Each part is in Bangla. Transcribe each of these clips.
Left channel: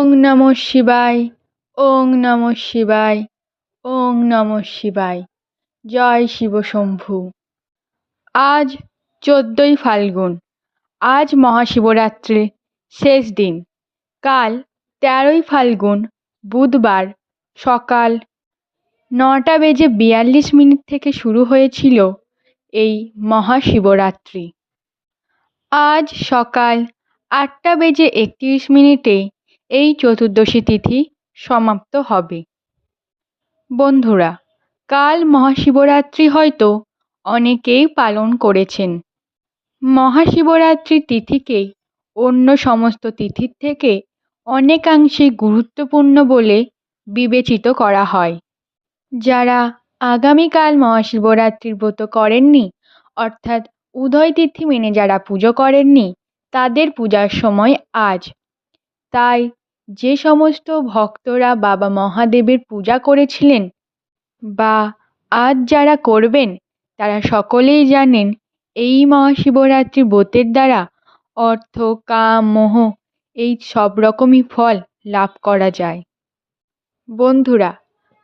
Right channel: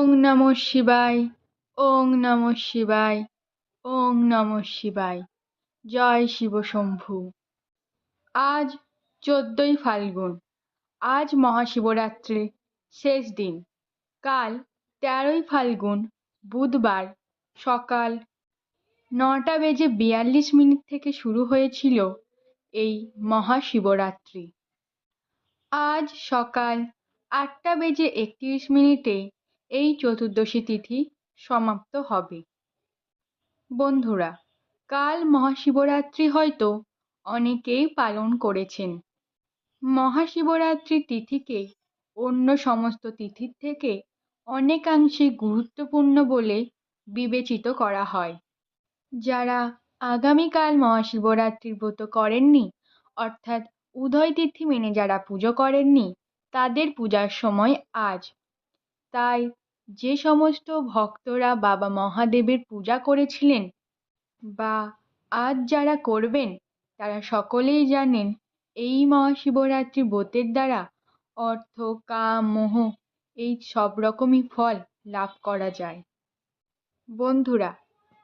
ওং নমঃ শিবায়, ওং নমঃ শিবায়, ওং নমঃ শিবায়। জয় শিব শম্ভু। আজ চোদ্দোই ফাল্গুন। আজ মহাশিবরাত্রির শেষ দিন। কাল তেরোই ফাল্গুন, বুধবার, সকাল নটা বেজে বিয়াল্লিশ মিনিট থেকে শুরু হয়েছিল এই মহাশিবরাত্রি। আজ সকাল আটটা বেজে একত্রিশ মিনিটে এই চতুর্দশী তিথি সমাপ্ত হবে। বন্ধুরা, কাল মহাশিবরাত্রি হয়তো অনেকেই পালন করেছেন। মহাশিবরাত্রি তিথিকে অন্য সমস্ত তিথির থেকে অনেকাংশে গুরুত্বপূর্ণ বলে বিবেচিত করা হয়। যারা আগামীকাল মহাশিবরাত্রির ব্রত করেননি, অর্থাৎ উদয় তিথি মেনে যারা পুজো করেননি, তাদের পূজার সময় আজ। তাই যে সমস্ত ভক্তরা বাবা মহাদেবের পূজা করেছিলেন বা আজ যারা করবেন, তারা সকলেই জানেন এই মহাশিবরাত্রি ব্রতের দ্বারা অর্থ, কাম, মোহ এই সব রকমই ফল লাভ করা যায়। বন্ধুরা,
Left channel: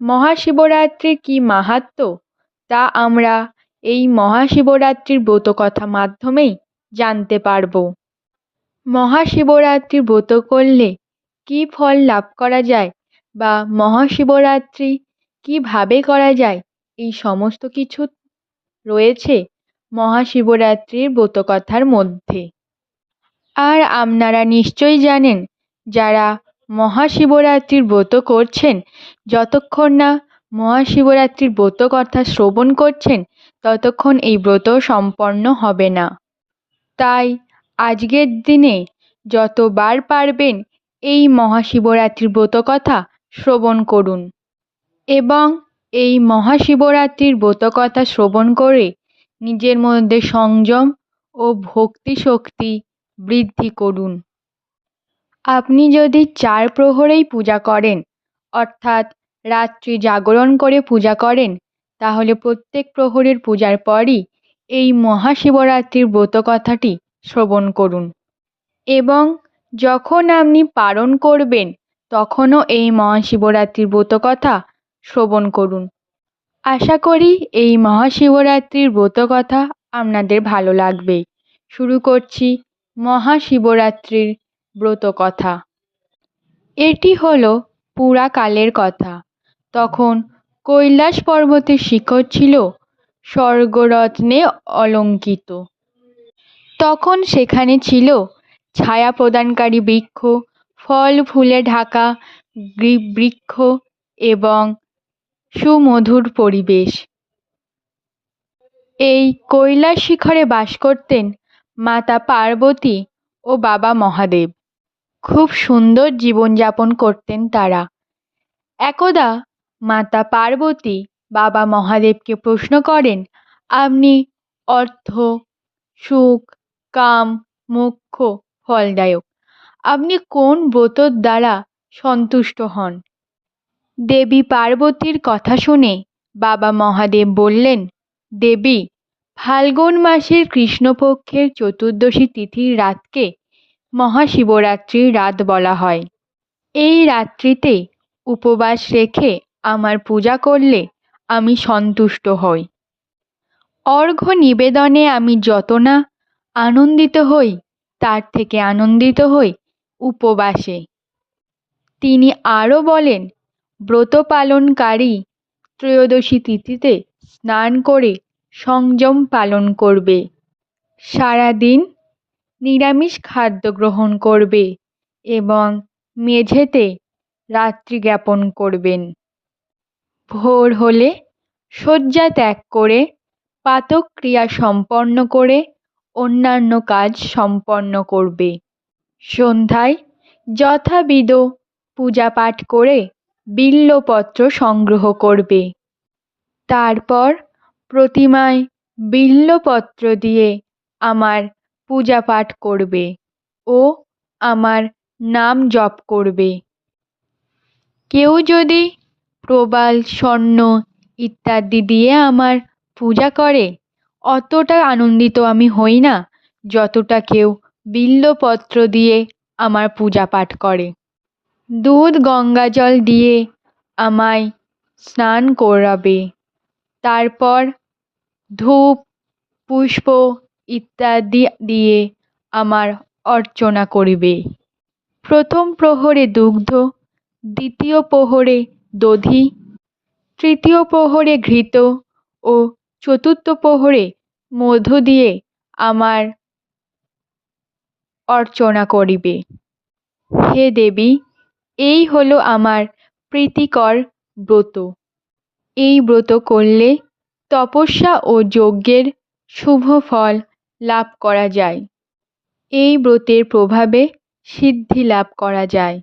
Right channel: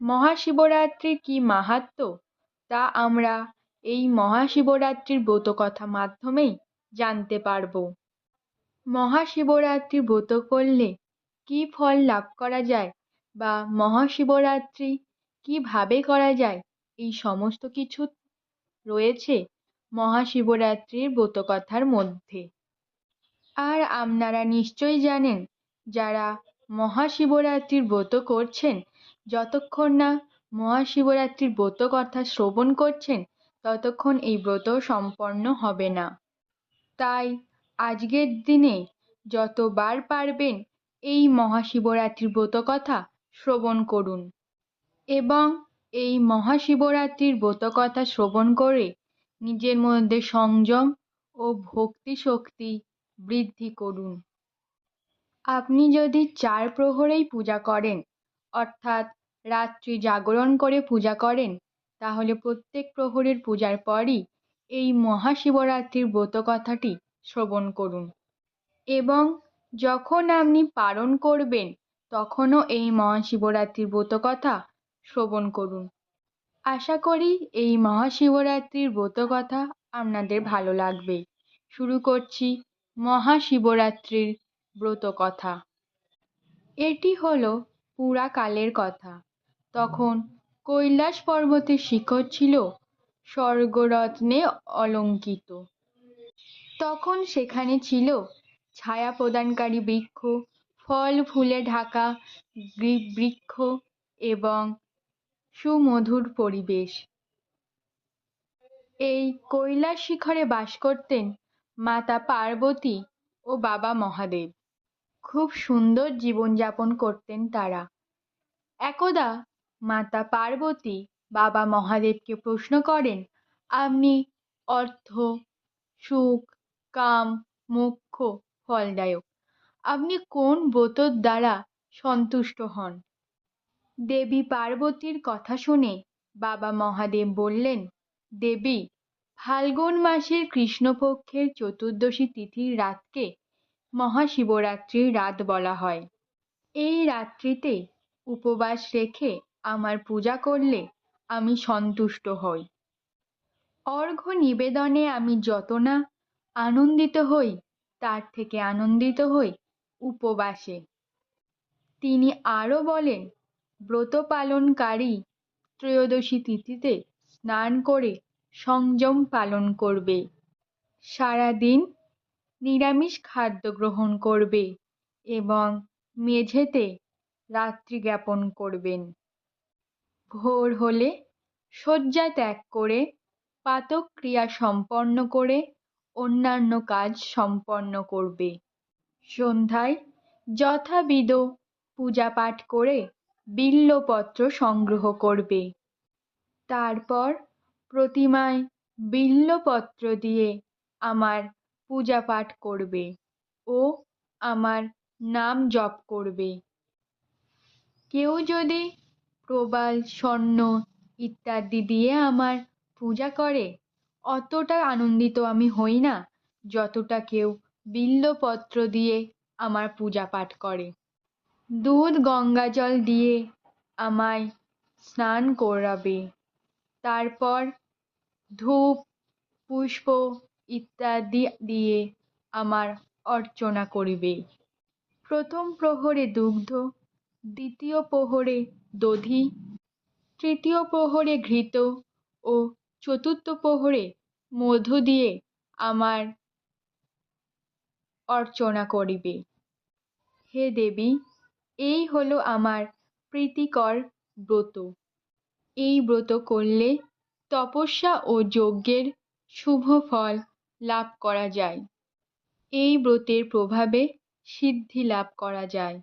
মহাশিবরাত্রির কী মাহাত্ম্য তা আমরা এই মহাশিবরাত্রির ব্রতকথা মাধ্যমেই জানতে পারব। মহাশিবরাত্রি ব্রত করলে কী ফল লাভ করা যায় বা মহাশিবরাত্রি কীভাবে করা যায়? এই সমস্ত কিছু রয়েছে মহাশিবরাত্রির ব্রতকথার মধ্যে। আর আপনারা নিশ্চয়ই জানেন, যারা মহাশিবরাত্রির ব্রত করছেন, যতক্ষণ না মহাশিবরাত্রির ব্রত কথা শ্রবণ করছেন, ততক্ষণ এই ব্রত সম্পন্ন হবে না। তাই আজকের দিনে যতবার পারবেন এই মহাশিবরাত্রির ব্রত কথা শ্রবণ করুন। এবং এই মহাশিবরাত্রির ব্রত কথা শ্রবণ করে নিজের মধ্যে সংযম ও ভক্তি শক্তি বৃদ্ধি করুন। আপনি যদি চার প্রহরেই পূজা করেন, অর্থাৎ রাত্রি জাগরণ করে পূজা করেন, তাহলে প্রত্যেক প্রহরের পূজার পরই এই মহাশিবরাত্রির ব্রত কথাটি শ্রবণ করুন। এবং যখন আপনি পারণ করবেন, তখনও এই মহাশিবরাত্রির ব্রত কথা শ্রবণ করুন। আশা করি এই মহাশিবরাত্রির ব্রত কথা আপনাদের ভালো লাগবে। শুরু করছি মহাশিবরাত্রির ব্রত কথা। এটি হলো পুরাকালের কথা। তখন কৈলাস পর্বতের শিখর ছিল স্বর্গরত্নে অলঙ্কিত। তখন সেখানে ছিল ছায়া প্রদানকারী বৃক্ষ, ফল, ফুলে ঢাকা বৃক্ষ এবং সুমধুর পরিবেশ। এই কৈলাস শিখরে বাস করতেন মাতা পার্বতী ও বাবা মহাদেব। খুব সুন্দর জীবনযাপন করতেন তারা। একদা মাতা পার্বতী বাবা মহাদেবকে প্রশ্ন করেন, আপনি অর্থ, সুখ, কাম, মোক্ষ ফলদায়ক। আপনি কোন ব্রতর দ্বারা সন্তুষ্ট হন? দেবী পার্বতীর কথা শুনে বাবা মহাদেব বললেন, দেবী, ফাল্গুন মাসের কৃষ্ণপক্ষের চতুর্দশী তিথির রাতকে মহাশিবরাত্রির রাত বলা হয়। এই রাত্রিতে উপবাস রেখে আমার পূজা করলে আমি সন্তুষ্ট হই। অর্ঘ্য নিবেদনে আমি যত না আনন্দিত হই তার থেকে আনন্দিত হই উপবাসে। তিনি আরও বলেন, ব্রত পালনকারী ত্রয়োদশী তিথিতে স্নান করে সংযম পালন করবে। সারাদিন নিরামিষ খাদ্য গ্রহণ করবে এবং মেঝেতে রাত্রি জ্ঞাপন করবেন। ভোর হলে শয্যা ত্যাগ করে পাতক্রিয়া সম্পন্ন করে অন্যান্য কাজ সম্পন্ন করবে। সন্ধ্যায় যথাবিধ পূজা পাঠ করে বিল্বপত্র সংগ্রহ করবে। তারপর প্রতিমায় বিল্বপত্র দিয়ে আমার পূজা পাঠ করবে ও আমার নাম জপ করবে। কেউ যদি প্রবাল, স্বর্ণ ইত্যাদি দিয়ে আমার পূজা করে অতটা আনন্দিত আমি হই না, যতটা কেউ বিল্বপত্র দিয়ে আমার পূজা পাঠ করে। দুধ গঙ্গা জল দিয়ে আমায় স্নান করাবে। তারপর ধূপ, পুষ্প ইত্যাদি দিয়ে আমার অর্চনা করিবে। প্রথম প্রহরে দুগ্ধ, দ্বিতীয় প্রহরে দধি, তৃতীয় প্রহরে ঘৃত ও চতুর্থ প্রহরে মধ্য দিয়ে আমার অর্চনা করিবে। হে দেবী, এই হলো আমার প্রীতিকর ব্রত। এই ব্রত করলে তপস্যা ও যজ্ঞের শুভ ফল লাভ করা যায়। এই ব্রতের প্রভাবে সিদ্ধি লাভ করা যায়।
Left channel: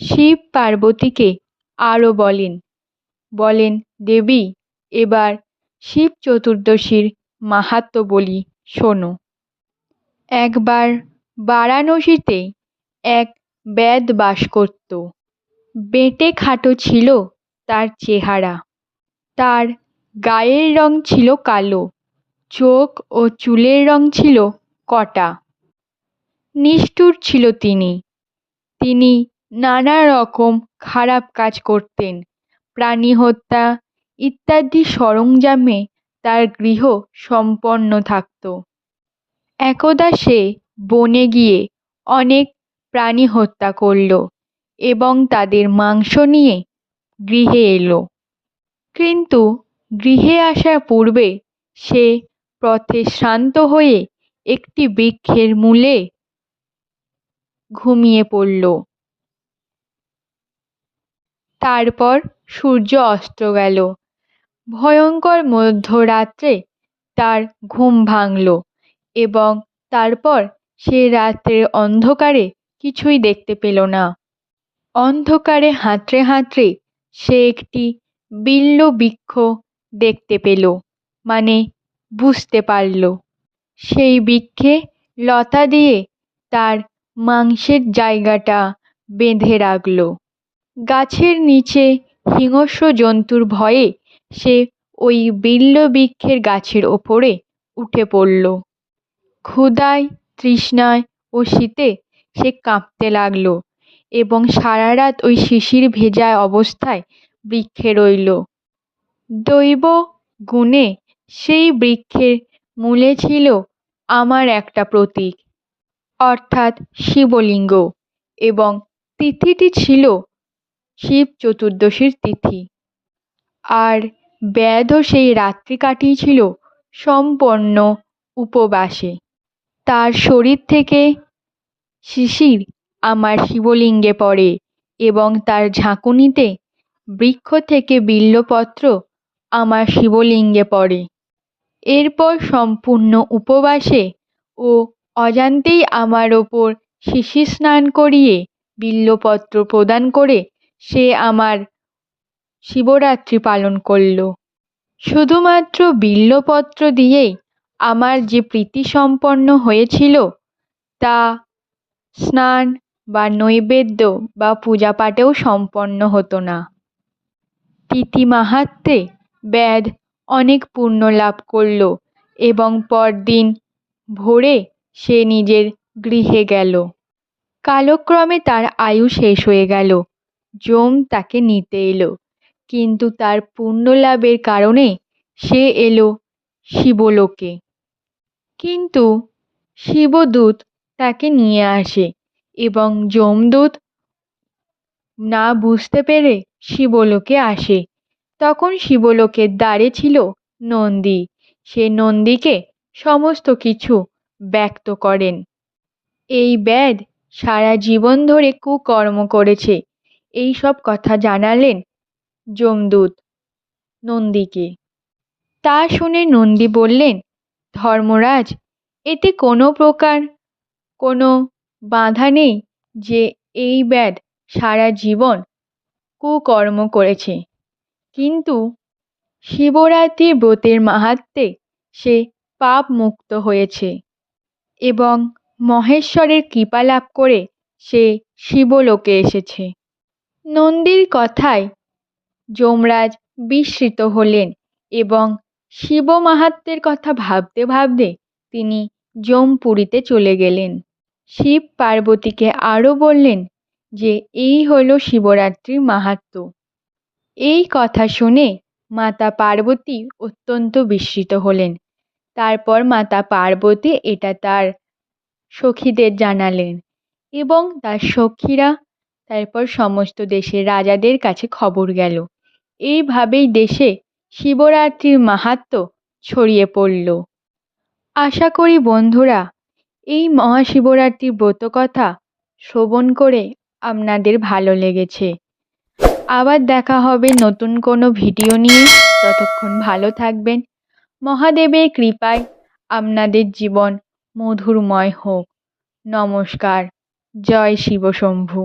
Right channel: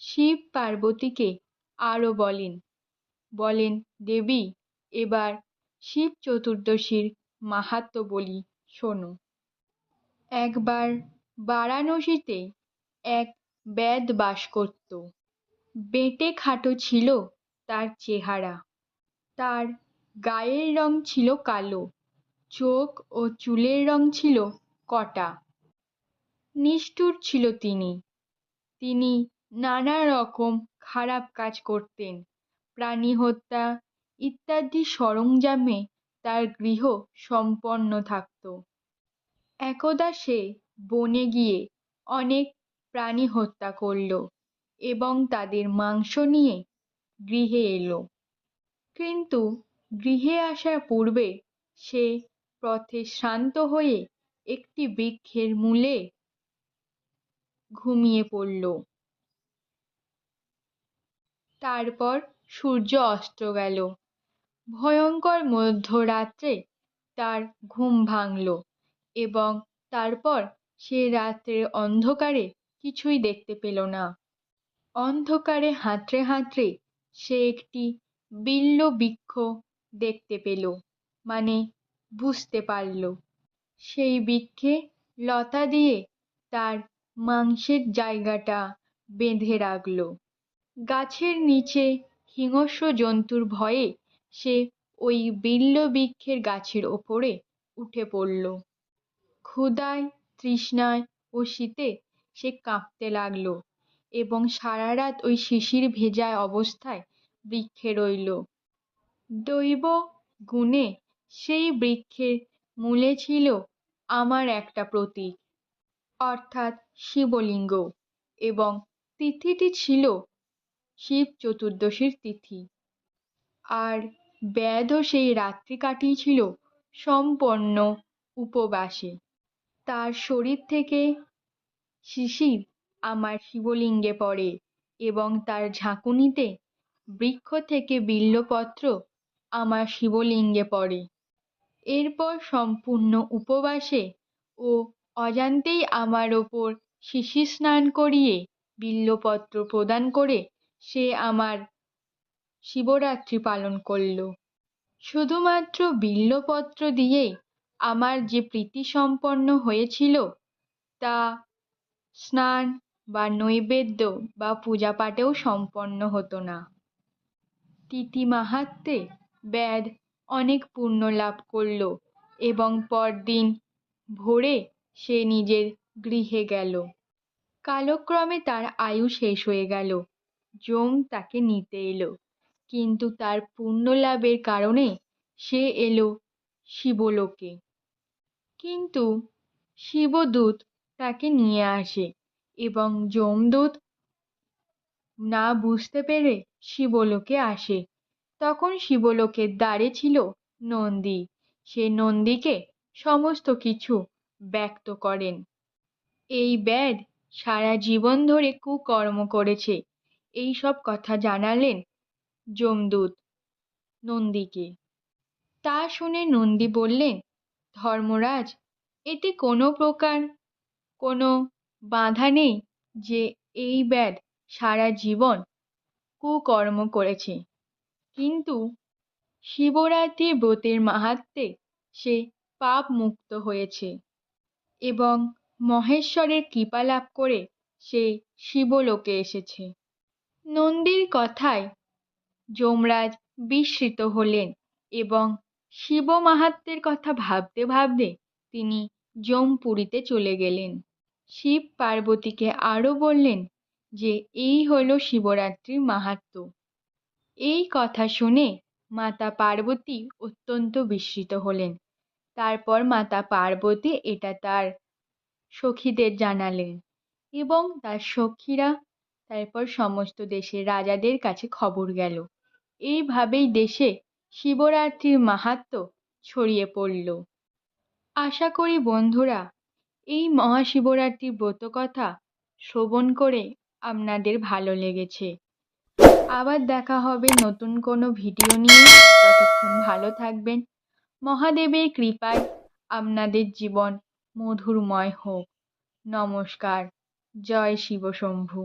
শিব পার্বতীকে আরও বলেন বলেন, দেবী, এবার শিব চতুর্দশীর মাহাত্ম বলি, শোনো। একবার বারাণসীতে এক বেদ বাস করত। বেঁটে খাটো ছিল তার চেহারা। তার গায়ের রং ছিল কালো, চোখ ও চুলের রং ছিল কটা। নিষ্ঠুর ছিল তিনি। তিনি নানা রকম খারাপ কাজ করতেন। প্রাণী হত্যা ইত্যাদি সরঞ্জামে তার গৃহ সম্পন্ন থাকত। একদা সে বনে গিয়ে অনেক প্রাণী হত্যা করল এবং তাদের মাংস নিয়ে গৃহে এলো। কিন্তু গৃহে আসার পূর্বে সে পথে শ্রান্ত হয়ে একটি বৃক্ষের মূলে ঘুমিয়ে পড়ল। তারপর সূর্য অস্ত গেল। ভয়ঙ্কর মধ্যরাত্রে তার ঘুম ভাঙল এবং তারপর সে রাত্রের অন্ধকারে কিছুই দেখতে পেল না। অন্ধকারে হাতড়ে হাতড়ে সে একটি বিল্ল বৃক্ষ দেখতে পেল মানে বুঝতে পারল। সেই বৃক্ষে লতা দিয়ে তার মাংসের জায়গাটা বেঁধে রাখল। গাছের নিচে হিংস্র জন্তুর ভয়ে সে ওই বিল্ল বৃক্ষের গাছের ওপরে উঠে পড়ল। ক্ষুধায়, তৃষ্ণায় ও শীতে সে কাঁপতে লাগল এবং সারা রাত ওই শিশির ভেজা অবস্থায় বৃক্ষে রইল। দৈব গুণে সেই বৃক্ষের মূলে ছিল আমার একটা প্রতীক, অর্থাৎ শিবলিঙ্গ এবং তিথিটি ছিল শিব চতুর্দশীর তিথি। আর ব্যাধও সেই রাত্রি কাটিয়েছিল সম্পন্ন উপবাসে। তার শরীর থেকে শিশির আমার শিবলিঙ্গে পড়ে এবং তার ঝাঁকুনিতে বৃক্ষ থেকে বিল্বপত্র আমার শিবলিঙ্গে পড়ে। এরপর সম্পূর্ণ উপবাসে ও অজান্তেই আমার ওপর শিশির স্নান করিয়ে বিল্বপত্র প্রদান করে সে আমার শিবরাত্রি পালন করল। শুধুমাত্র বিল্বপত্র দিয়েই আমার যে প্রীতি সম্পন্ন হয়েছিল, তা স্নান বা নৈবেদ্য বা পূজা পাঠেও সম্পন্ন হতো না। তিথি মাহাত্মে ব্যাদ অনেক পুণ্য লাভ করল এবং পরদিন ভোরে সে নিজের গৃহে গেল। কালক্রমে তার আয়ু শেষ হয়ে গেল। যম তাকে নিতে এলো। কিন্তু তার পুণ্য লাভের কারণে সে এলো শিবলোকে। কিন্তু শিবদূত তাকে নিয়ে আসে এবং যমদূত না বুঝতে পেরে শিবলোকে আসে। তখন শিবলোকের দ্বারে ছিল নন্দী। সে নন্দীকে সমস্ত কিছু ব্যক্ত করেন। এই ব্যাদ সারা জীবন ধরে কুকর্ম করেছে। এই সব কথা জানালেন যমদূত, নন্দীকে। তা শুনে নন্দী বললেন, ধর্মরাজ, এতে কোনো প্রকার কোনো বাধা নেই যে এই ব্যাদ সারা জীবন কুকর্ম করেছে। কিন্তু শিবরাত্রির ব্রতের মাহাত্মে সে পাপ মুক্ত হয়েছে এবং মহেশ্বরের কৃপা লাভ করে সে শিবলোকে এসেছে। নন্দীর কথায় যমরাজ বিস্মিত হলেন এবং শিব মাহাত্ম্যের কথা ভাবতে ভাবতে তিনি যমপুরীতে চলে গেলেন। শিব পার্বতীকে আরও বললেন যে, এই হলো শিবরাত্রির মাহাত্ম্য এই কথা শুনে মাতা পার্বতী অত্যন্ত বিস্মিত হলেন। তারপর মাতা পার্বতী এটা তার সখীদের জানালেন এবং তার সখীরা, তারপর সমস্ত দেশের রাজাদের কাছে খবর গেল। এইভাবেই দেশে শিবরাত্রির মাহাত্ম্য ছড়িয়ে পড়ল। আশা করি বন্ধুরা, এই মহাশিবরাত্রির ব্রতকথা শ্রবণ করে আপনাদের ভালো লেগেছে। আবার দেখা হবে নতুন কোনো ভিডিও নিয়ে। ততক্ষণ ভালো থাকবেন। মহাদেবের কৃপায় আপনাদের জীবন মধুরময় হোক। নমস্কার। জয় শিবশম্ভু।